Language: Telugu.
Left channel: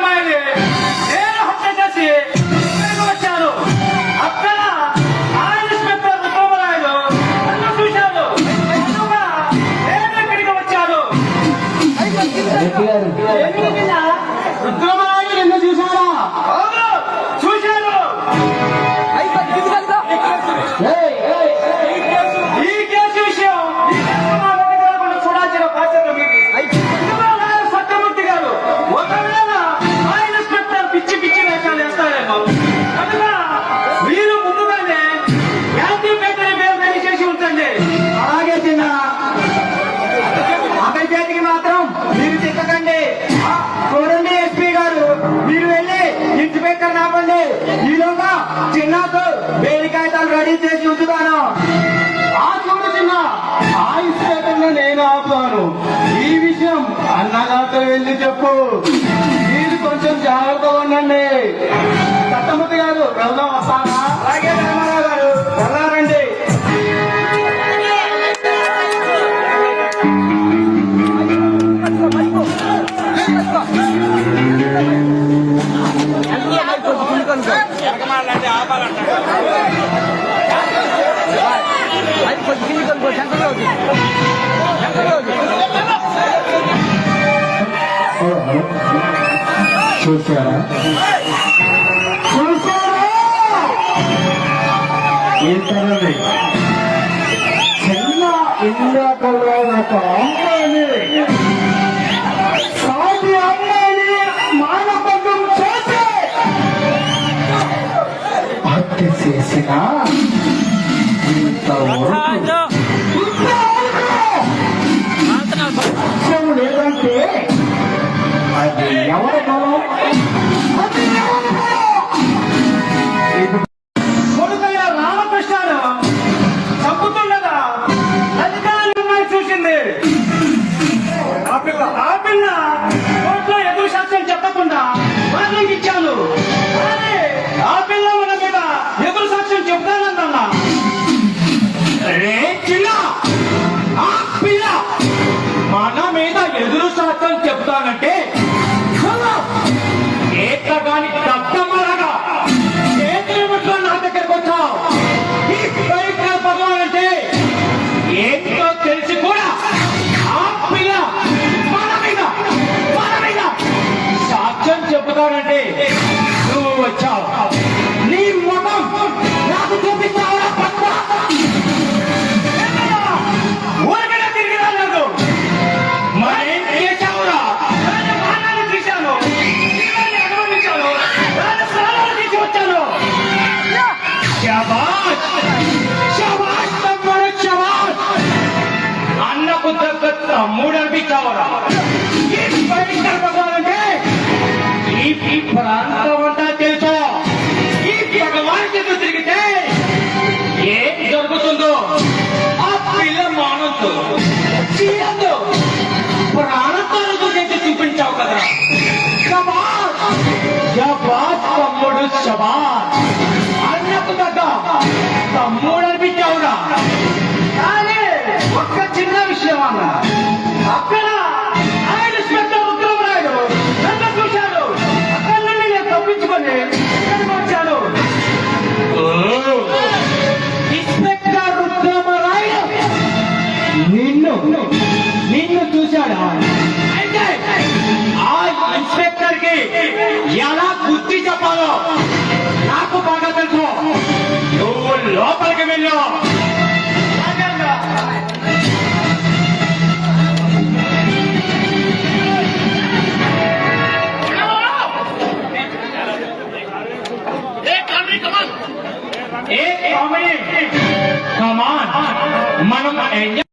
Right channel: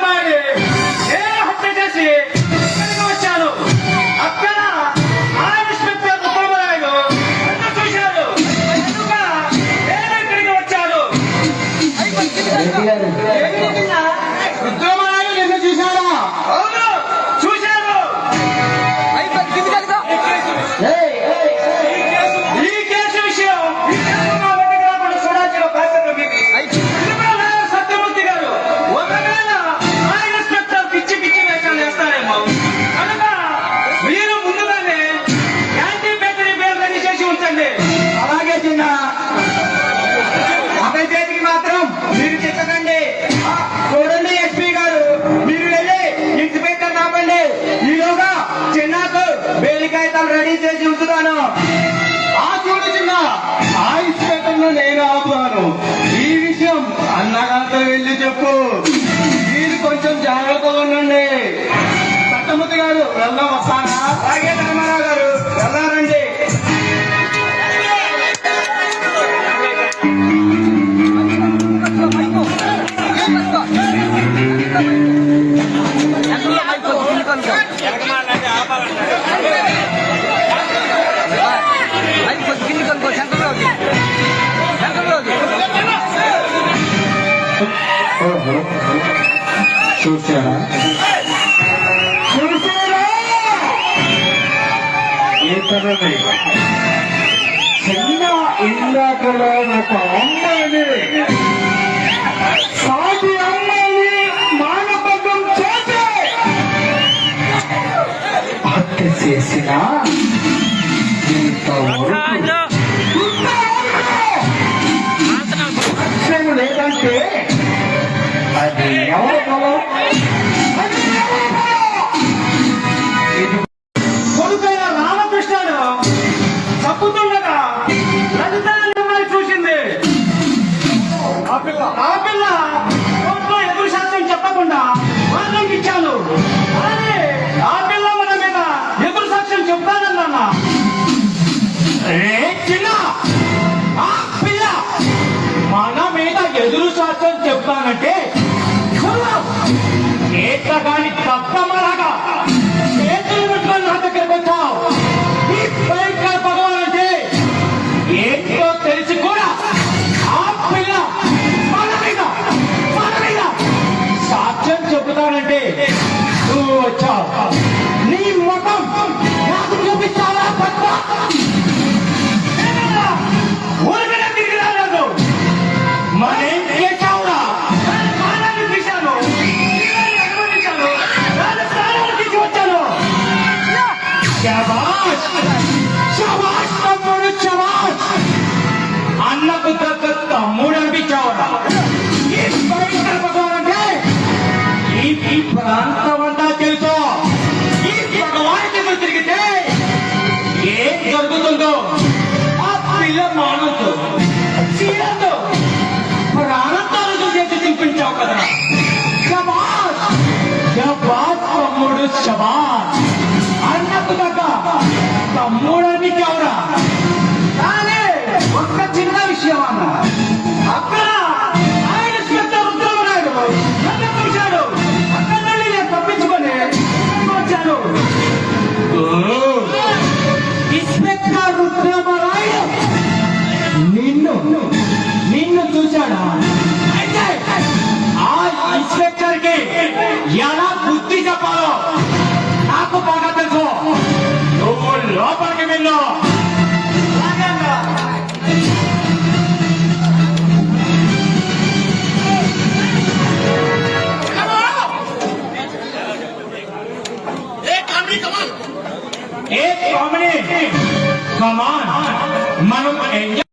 అమ్మాయిని నేను హత్య చేసి ఇక్కడికి వచ్చాను. అక్కడ ఆ ఇన్స్పెక్టర్ ఉపమరాయుడు నన్ను చూశాడు. నేను ఇక్కడికి వచ్చాను. రుద్రమరాయుడు నిన్ను చూశాడా? అవును, చూశాను. ఈ కేసు విషయం చూడాల్సిన బాధ్యత మీది. సత్యమూర్తి గారు ఒకవేళ ఆ ఇన్స్పెక్టర్ పిచ్చి పిచ్చి వేషాలు వేస్తారేమో కనుక మీరు ముందుగానే యాంటీపేటరీ బిల్ రెడీ చేసి ఉంచండి. అలాగే చిన్న అబ్బాయి చేతికి మాత్రం మీరు తిక్కకండి. చూడండి ఎస్పీ గారు, మీరు వెళ్ళి ఇన్స్పెక్టర్ ఆపండి. ఈలోగా చిన్నతో బెయిల్ కాగితాలు రెడీ చేసి ఉంచుతాను. ఆ చిన్న ఆ ఇన్స్పెక్టర్ నేను ఆపుతాను. ఈ విషయం అన్నగారితో వెళ్ళి చెప్పు. మీరు కొంచెం జాగ్రత్తగా ఉండండి. సత్తమూర్తి గారు వెళ్దాం, వస్తానా? అలాగే రామారావు గారు వెళ్ళారండి. చూసారా ఏంటండి చిన్న ఇందాకలో ఒక అమ్మాయిని సాటి అమ్మాయిని మానభంగం చేసి హత్య చేసిన లేదంటే అది ఎవరి బలం? కొడుకైన రామకృష్ణను తప్పుతుండగా అధికారి చూసింది. ఆ పిల్ల కోర్టులో ఎదురు శాస్త్రం చెప్పకుండా వార్నింగ్ ఇచ్చాను. కానీ ఆ పిల్ల మన మీద ఎదురు సాక్ష్యం చెప్తానందన్నా. ఆ పిల్ల మన మీద ఎదురు సాక్ష్యం చెప్తానంటే ఏట్ల కాని దత్తమ్మలాగా చేతులు ముట్లో నా దగ్గరకు వచ్చావు. ఈ పవిత్ర భగవాన్ అంటే ఏంటో తెలిసి కూడా ఆ పిల్ల మన మీద సాక్ష్యం చెబుతానంటే నువ్వు వచ్చావు. నీ ముఖం నాకు చూపిస్తావా? పట్ల ఊరికనే తిరిగి రాలేదు. మరేం చేశావురా? ప్రాణాన్ని తీశాను, అనుభవించాను, ప్రాణాలు తీసి వచ్చాను. శబాష్ శబాష్ తమ్ముడు, శబాష్. అన్నకు దగ్గర తమ్ముడు అనిపించావురా. ఈ పవిత్ర భగవాన్ అంటే ఈ ప్రాంతం అంతా తెలుసు. ఈ భగవానికి తిరిగితే ఏం జరుగుతుందో ఆ పిల్ల మానవుతో చీరతో ప్రాణంతో చూసేట్టు చూపించావు కదా. శబాష్ శబాష్ తమ్ముడు, శబాష్. అన్నకు దగ్గర తమ్ముడు అనిపించావురా. కానీ ఒక్క చిన్న విషయం అన్న, అక్కడ ఆయన శ్వేత రుద్రమరాయుడు నన్ను చూశాడు. అక్కడ నుండి నేను తప్పించుకొని ఇక్కడికి వచ్చాను. ఇన్స్పెక్టర్ రుద్రమరాయుడు నిన్ను చూశాడా? అయితే ఆ ఇన్స్పెక్టర్ కి ఎలా బుద్ధి చెప్పాలో నాకు బాగా తెలుసు. నువ్వు లోపలికి వెళ్ళు. ఏ కామెడీ కమాన్ మనం